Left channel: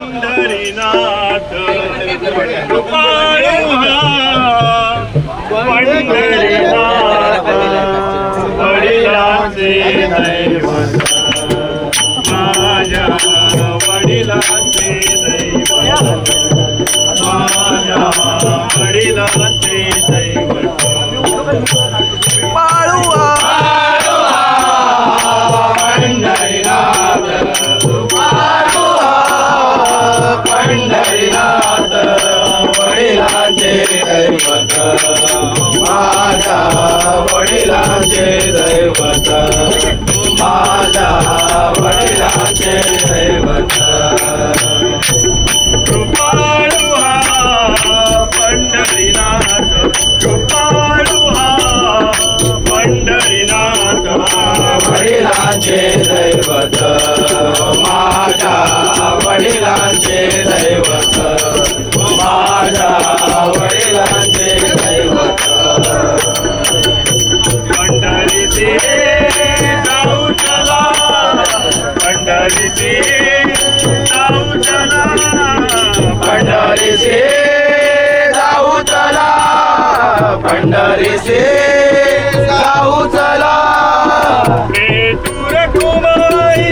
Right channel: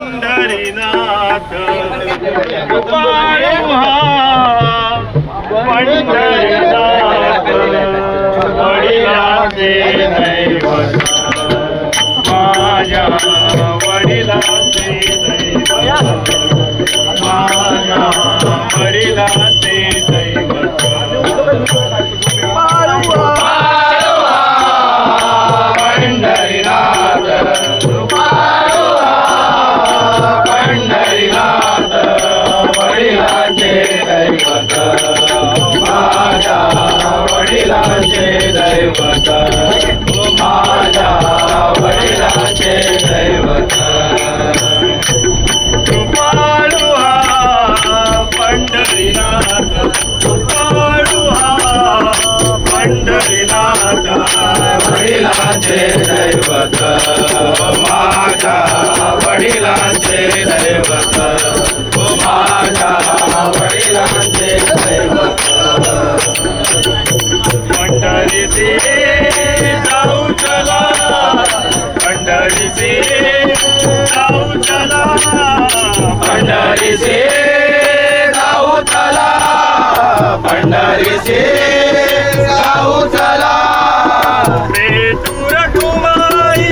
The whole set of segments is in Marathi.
पंढरीनाथ कृपाळू हा पंढरीनाथ वडिलांचे दैवत माझ्या वडिलांचे दैवत माझ्या दैवत पंढरीनाथ कृपाळू हा पंढरीनाथ वडिलाचे दैवत माझ्या वडिलांचे दैवत माझ्या वडिलाचे दैवत पंढरीचे जाऊ चला पंढरीचे जाऊ चला पंढरीचे जाऊ पंढरीचे जाऊ चला. पेटूर कुमारी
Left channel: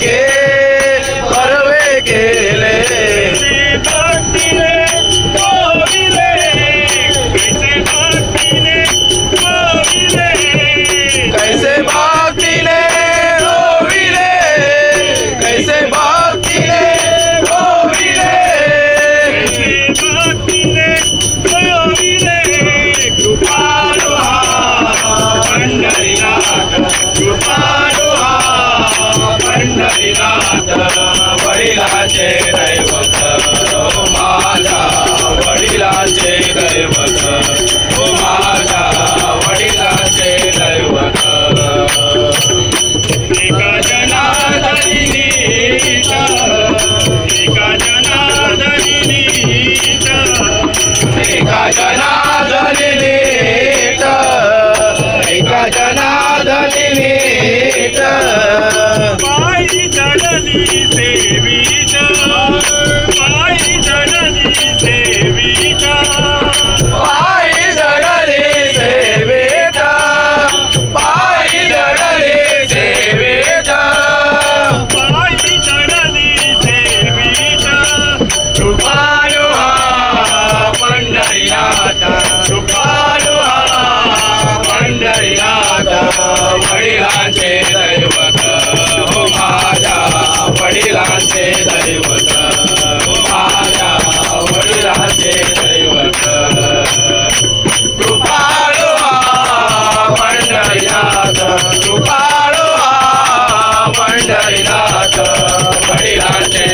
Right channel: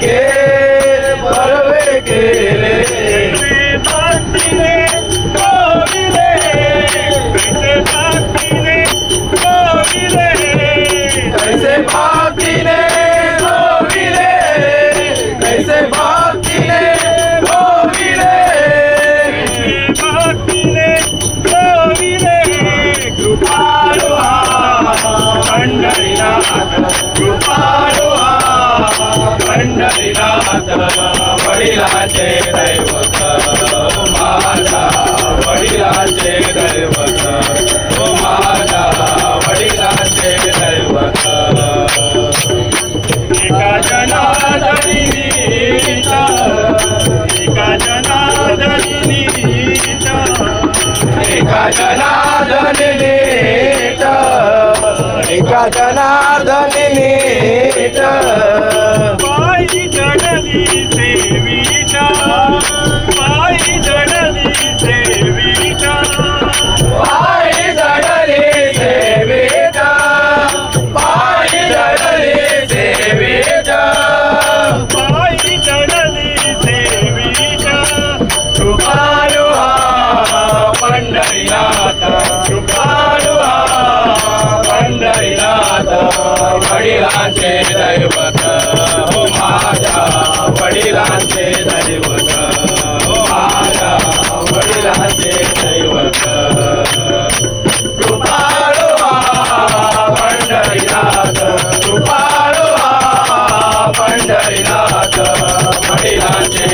কে করবে গেলে? থাকবি রে থাকবি রে বেঁচে থাকবি वडिलांचे दैवत माझ्या वडिलांचे दैवत माझ्या वडिलांचे दैवत एका जनार्दनी एका जनार्दनी एका जनार्दनी एका जनार्दनी ஆட்சி